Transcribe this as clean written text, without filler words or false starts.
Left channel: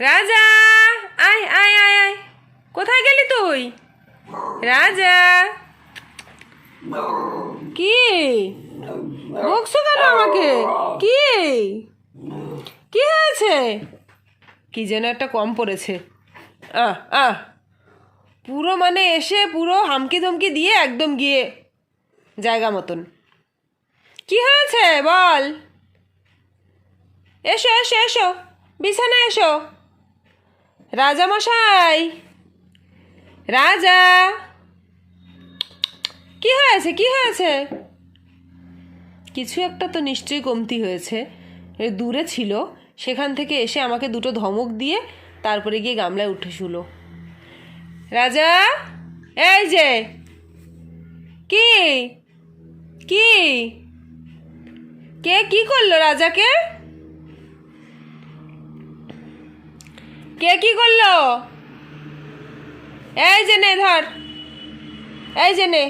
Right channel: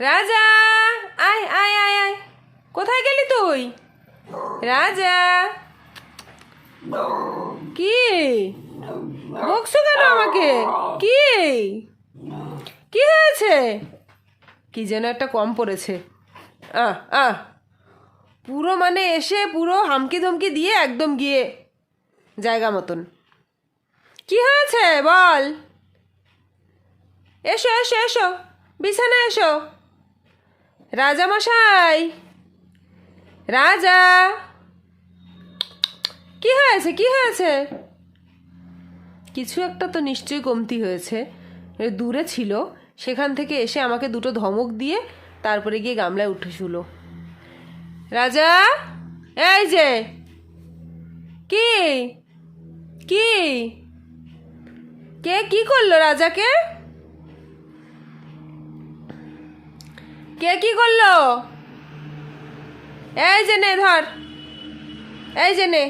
রাজা, আয় আয় আয় আয়, কোথায় গেলি তুই? রাজা, কি বকছো কেন আমাকে? কি কি হয়েছে? কি যেন একটা কম পড়েছে। আহ আহ পুরো মানে এসে পুরো হামকি ধমকি দিয়ে একদম গিয়ে জায়গা মতন। কি হয়েছে বল? এসো এসো এসো, বিছানায় এসো। রাজা মশাই, রাজা, কি হয়েছে কি হয়েছে? কিছু একটা তো নিশ্চয়ই কমতি হয়েছে। দূরে ছিল, সেখান থেকে এসে আমাকে দুটো ধমক দিয়ে তারপরে গিয়ে গামলায় উঠে শুলো। রাজা, এই যে, কি কি কে কি করলো? রাজাকে কে কি করলো? এই যে নে ধর, এই যে নে।